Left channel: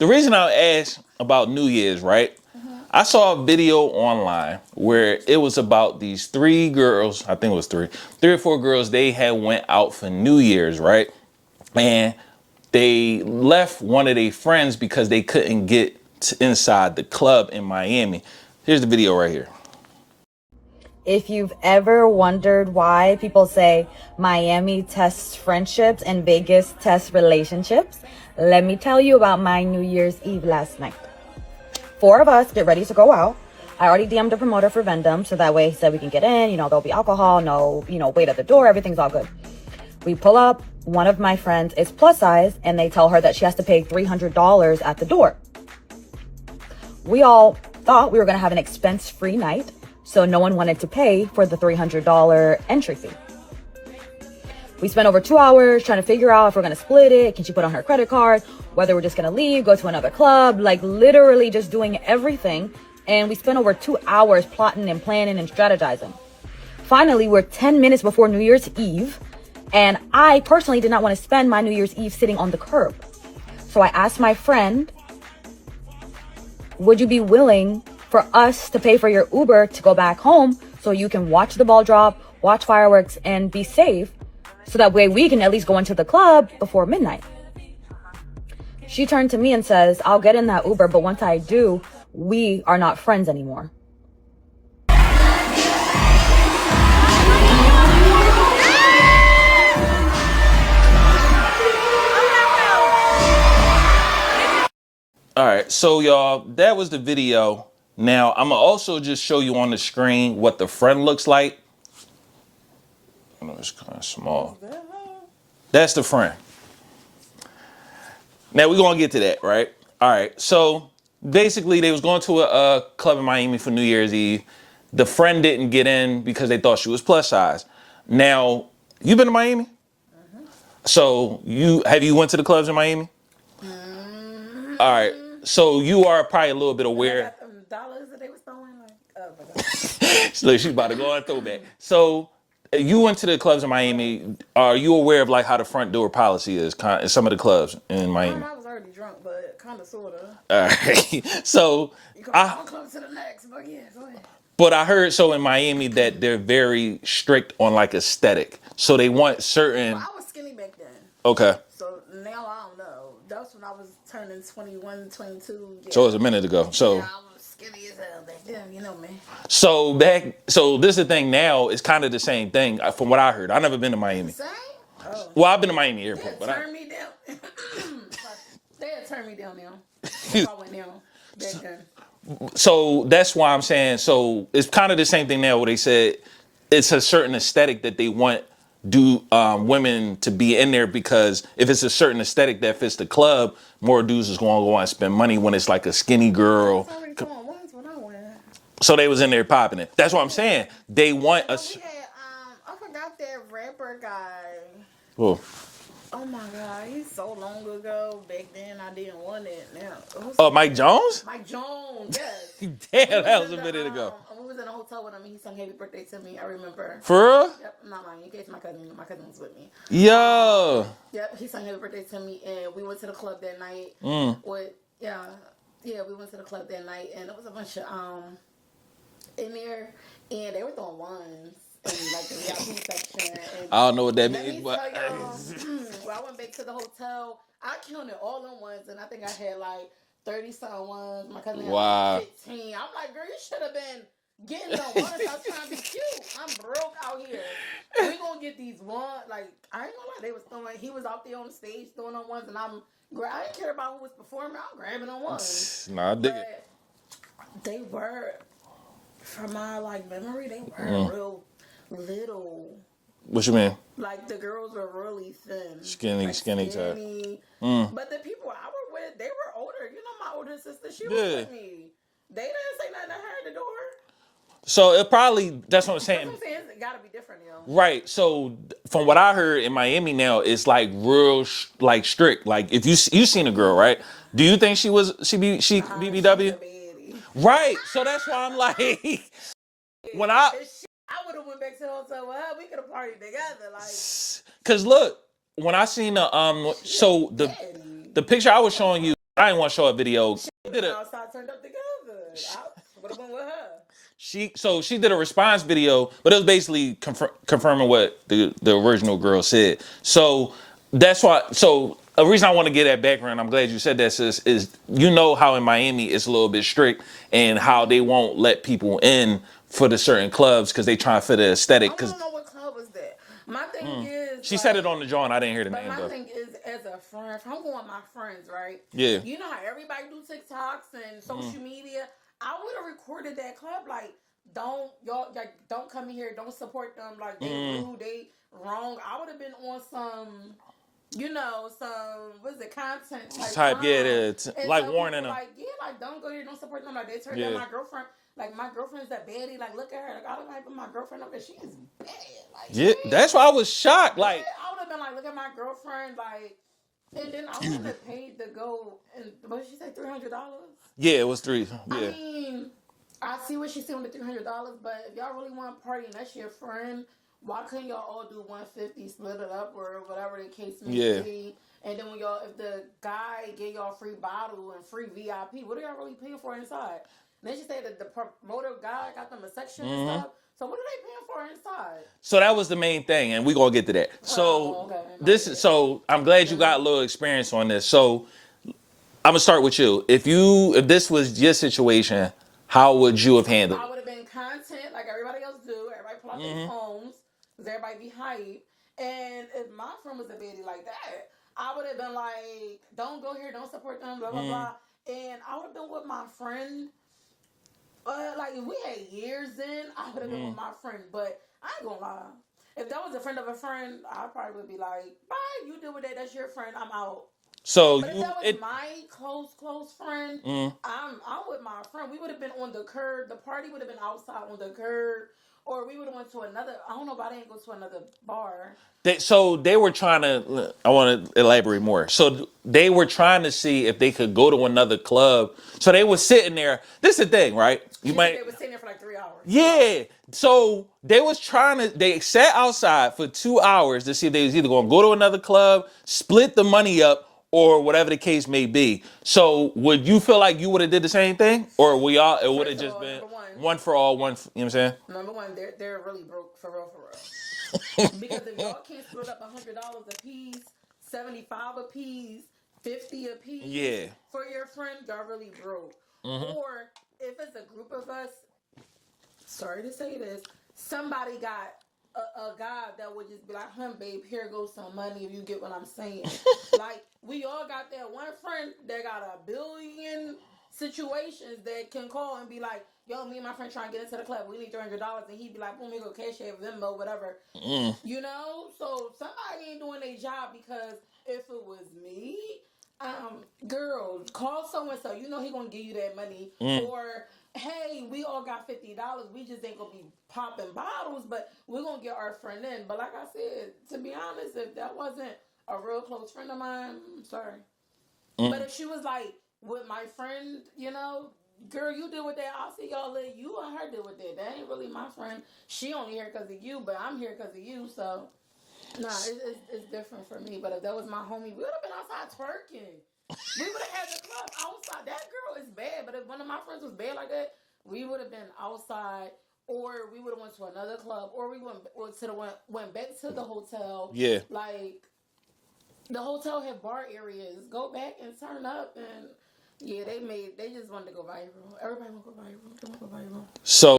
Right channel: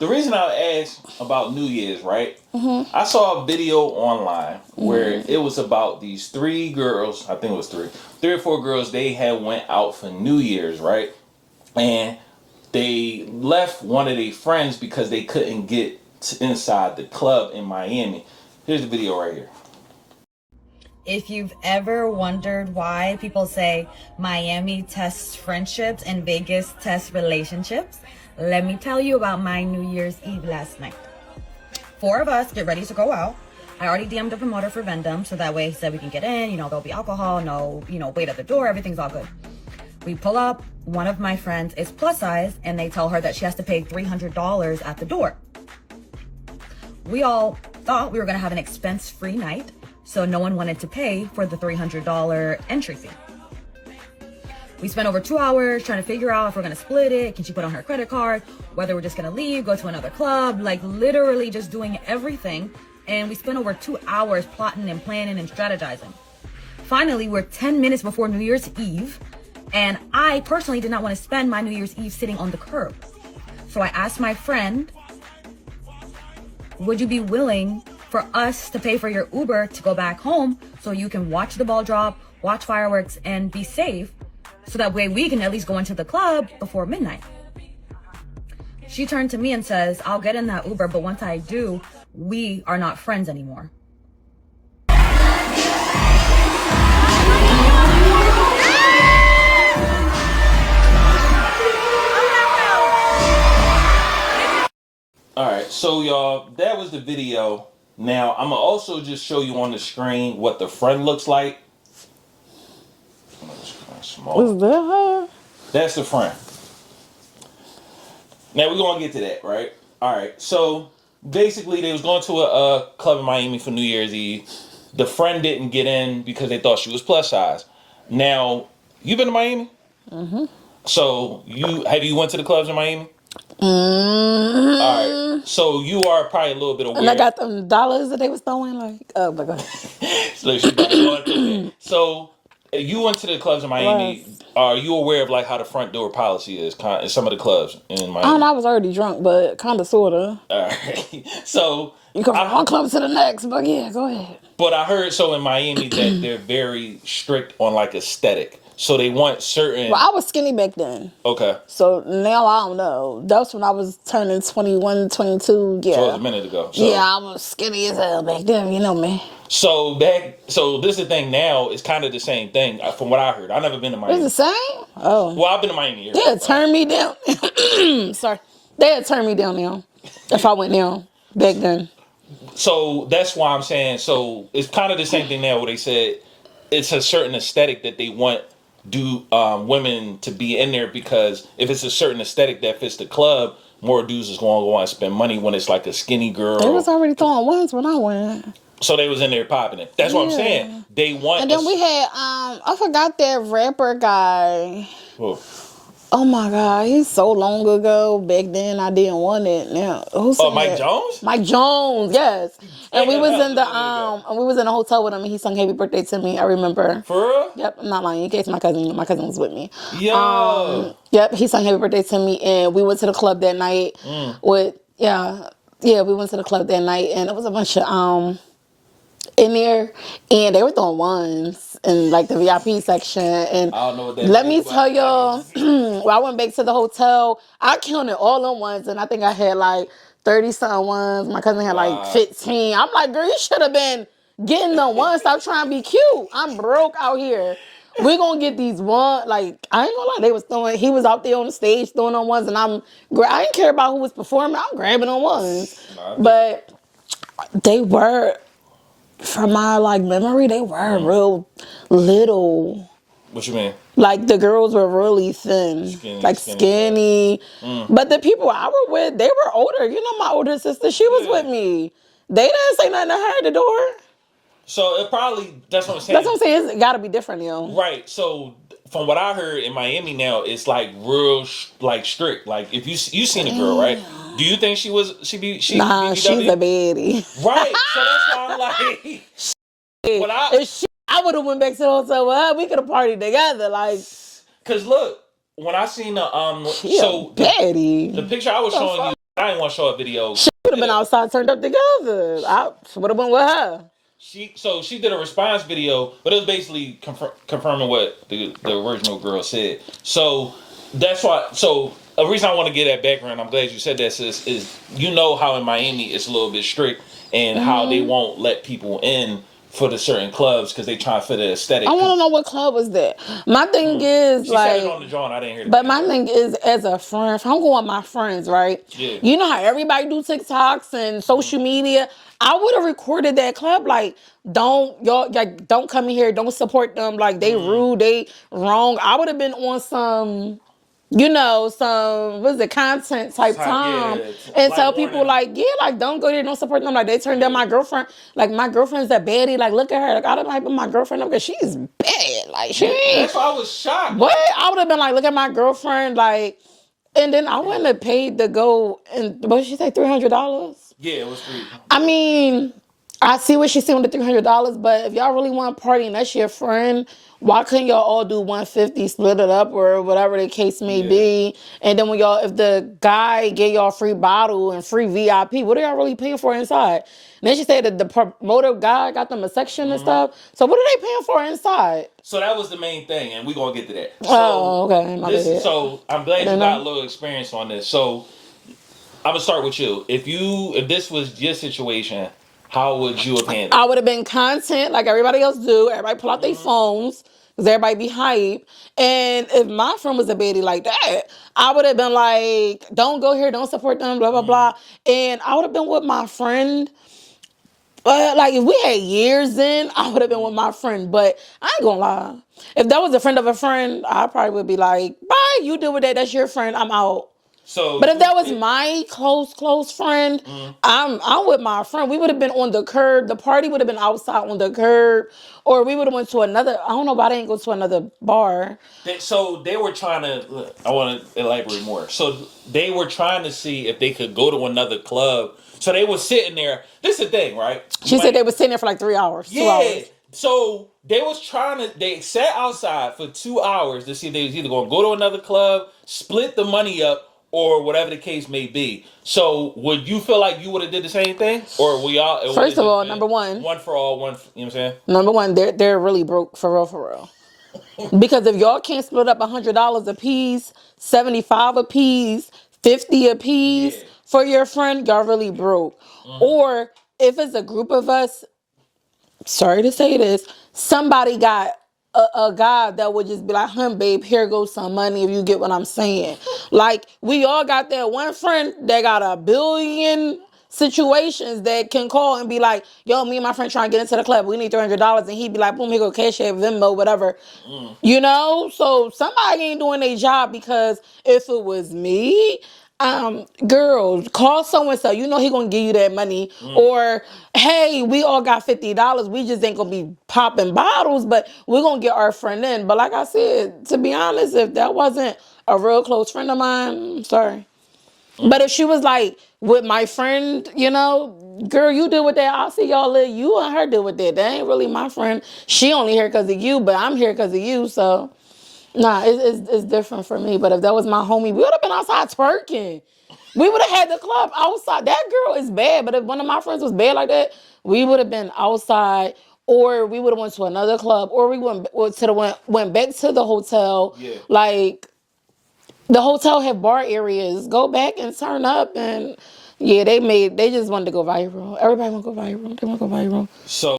the reason I asked about New Year's, right? I saw a video online where it was about these three girls. I think it was three or four girls. They had went out for New Year's, right? And they left one of their friends because they couldn't get inside the club in Miami. Here's the video right here. If you've ever wondered why people say Miami tests friendships and Vegas tests relationships, let me tell you about my New Year's Eve last night. 4 of us get ready to go out. I already DM'd the promoter for Vendom, so that way he said we can get in, there'll be alcohol, no, wait at the door, everything's all good. We pull up, one of my friends is plus size, and they tell her that she has to pay $300 at the door. We all thought we were gonna have an expense-free night, so no one wanted to pay for the $300 entry fee. We spent over 2 hours trying to figure out if we're gonna split it, can she put on her credit card, whether we're just gonna leave, go to another club, like literally just doing everything. And we spent over 2 hours plotting and planning and strategizing. Finally, we're 10 minutes before New Year's Eve, and I personally did not want to spend my New Year's Eve sitting on the curb. So I asked my friend, would you be willing for us to pay for your Uber to go back home so you can watch the ball drop, watch fireworks, and be safe? So that way we can at least go into the club before midnight. She turned to me and says, I'll get in that Uber, but once I do, we are not friends anymore. All right, so y'all, that was the video. Now, I'm going to also just show you on the screen what the friend looks like. It's kind of small. Was that her? That's the friend. Now, we're going to get to that, right? All right, so basically, they was going to a club in Miami for New Year's Eve. The friend didn't get in because they thought she was plus size. Now, you been to Miami? Mm-hmm. So, have you went to the clubs in Miami? Mm-hmm. All right, so you are probably a little bit aware. And I got them dollars that they was throwing, like, oh my God. So she about to go out through that. So you went to the clubs in Miami. Yes. Are you aware of like how the front door policy is in some of the clubs in Miami? I don't know, I was already drunk, but kind of, sort of. All right, so You come from one club to the next, but yeah, go ahead. But I heard in Miami that they're very strict on like aesthetic. So they want certain... Well, I was skinny back then. Okay. So now I don't know. That's when I was turning 21, 22, yeah. So it was a minute ago. So, yeah, I was skinny as hell back then, you know me. So this is the thing now, it's kind of the same thing from what I heard. I've never been to Miami. It's the same? Oh. Well, I've been to Miami here. They had turned me down. Sorry. They had turned me down now. If I went down back then. So that's why I'm saying, so it's kind of the same thing now where they said it's a certain aesthetic that they want women to be in there, because if it's a certain aesthetic that fits the club, more dudes is going to go and spend money when it's like a skinny girl. They was already throwing ones when I went. So they was in there popping it. That's what I'm saying. They want. And then we had I forgot that rapper guy. Oh my God, he's so long ago. Back then, I didn't want it. Now, Mike Jones? Mike Jones, yes. And we was in the hotel with him, and he sung "Happy Birthday" to me. I remember. For real? Yep, I'm not lying. In case my cousin was with me. Yo. Yep, he sung "Happy Birthday" to me, and we went to the club that night. We went to the club that night, and it was a bunch of in there, and they were throwing ones in like the VIP section. And I don't know what that let means, me tell y'all, when I went back to the hotel, I counted all them ones, and I think I had like 30-something ones. My cousin had like 15. I'm like, girl, you should have been getting them ones. Stop trying to be cute. I'm broke out here. We're gonna get these ones. Like, I ain't gonna lie, he was out there on the stage throwing on ones, and I didn't care about who was performing. I'm grabbing on ones. But they were, from my like memory, they were real little. What you mean? Like the girls were really thin, skinny. But the people I were with, they were older. You know, my older sister, she was with me. They didn't say nothing to her at the door. So it probably, that's what I'm saying. That's what I'm saying. It's got to be different now. Right. So from what I heard in Miami now, it's like real like strict. Like if you seen a girl, right? Do you think she Nah, BBW? she's a baddie. Right. So that's why I'm like, I would have went back to the hotel with her. We could have partied together, like. Cause look, when I seen the baddie. the picture I was showing you, I didn't want to show a video. She would have been outside turned up together. I would have been with her. She did a response video, but it was basically confirming what the original girl said. So that's why. So a reason I want to get that background, I'm glad you said that, sis, is you know how in Miami it's a little bit strict and how they won't let people in for the certain clubs because they try to fit the aesthetic. I want to know what club was that. My thing is, she said it on the jaw and I didn't hear it. But my thing is, as a friend, if I'm going with my friends, right? Yeah. You know how everybody do TikToks and social media. I would have recorded that club. Like, don't come in here. Don't support them. Like, they rude. They wrong. I would have been on some. Some content type time, and tell people like, don't go there, don't support them. Like they turned down my girlfriend. Like my girlfriend's a baddie. Like look at her. Like I don't hype my girlfriend up because she's bad. Like she. That's why I was shocked. What? I would have been like, look at my girlfriend. Like, and then I wouldn't have paid to go. And what did she say? $300. Yeah, it was $300. Yeah. I mean, I see what she's saying with the $300, but if y'all really want to party and that's your friend, why couldn't y'all all do $150, split it up, or whatever the case may be? And then if the guy gave y'all free bottle and free VIP, what are y'all really paying for inside? And then she said that the promoter guy got them a section and stuff. So what are they paying for inside? So that was the main thing, and we're gonna get to that. So okay. So I'm glad you got a little experience on this. So I'm gonna start with you. If this was your situation, how would you have handled it? I would have been content like everybody else do. Everybody pull out their phones because everybody be hype. And if my friend was a baddie like that, I would have been like, don't go here, don't support them, blah, blah, blah. And I would have been with my friend. Like, if we had years in, I would have been with my friend. But I ain't gonna lie. If that was a friend of a friend, I probably would be like, bye, you deal with that. That's your friend. I'm out. But if that was my close friend, I'm with my friend. We would have been on the curb. The party would have been outside on the curb. Or we would have went to another, I don't know why they didn't go to another bar. So they were trying to, I want to elaborate more. So they were trying to see if they could go to another club. So they were sitting there. This is the thing, right? She said they were sitting there for like 3 hours. Yeah. 2 hours. So they sat outside for 2 hours to see if they was either going to go to another club, split the money up, or whatever the case may be. So would you feel like you would have did the same thing? Or we all... First of all, number one... One for all, you know what I'm saying? Number one, they're really broke for real. Because if y'all can't split up $100 a piece, $75 a piece, $50 a piece for your friend, y'all really broke. Or if it's a group of us, sorry to say this, somebody got a guy that would just be like, babe, here goes some money if you get what I'm saying. Like, we all got that one friend that got a billion situations that can call and be like, yo, me and my friend trying to get into the club. We need $300. And he'd be like, boom, here go cash app, Venmo, whatever. You know? So somebody ain't doing their job because if it was me... girl, call so-and-so. You know he gonna give you that money. Or, hey, we all got $50. We just ain't gonna be popping bottles, but we're gonna get our friend in. But like I said, to be honest, if that wasn't a real close friend of mine, I'm sorry. But if she was like, with my friend, girl, you deal with that. I'll see y'all live. You and her deal with that. That ain't really my friend. She only here because of you, but I'm here because of you, so... Nah, it's different for me. But if that was my homie, we would have been outside twerking. We would have had the club outside. That girl is bad. But if one of my friends was bad like that, we would have been outside, or we would have went to another club, or we went back to the hotel. Yeah. Like, the hotel had bar areas. Go back and turn up. And, yeah, they just wanted to go viral. Everybody want to go viral. They want to go viral. So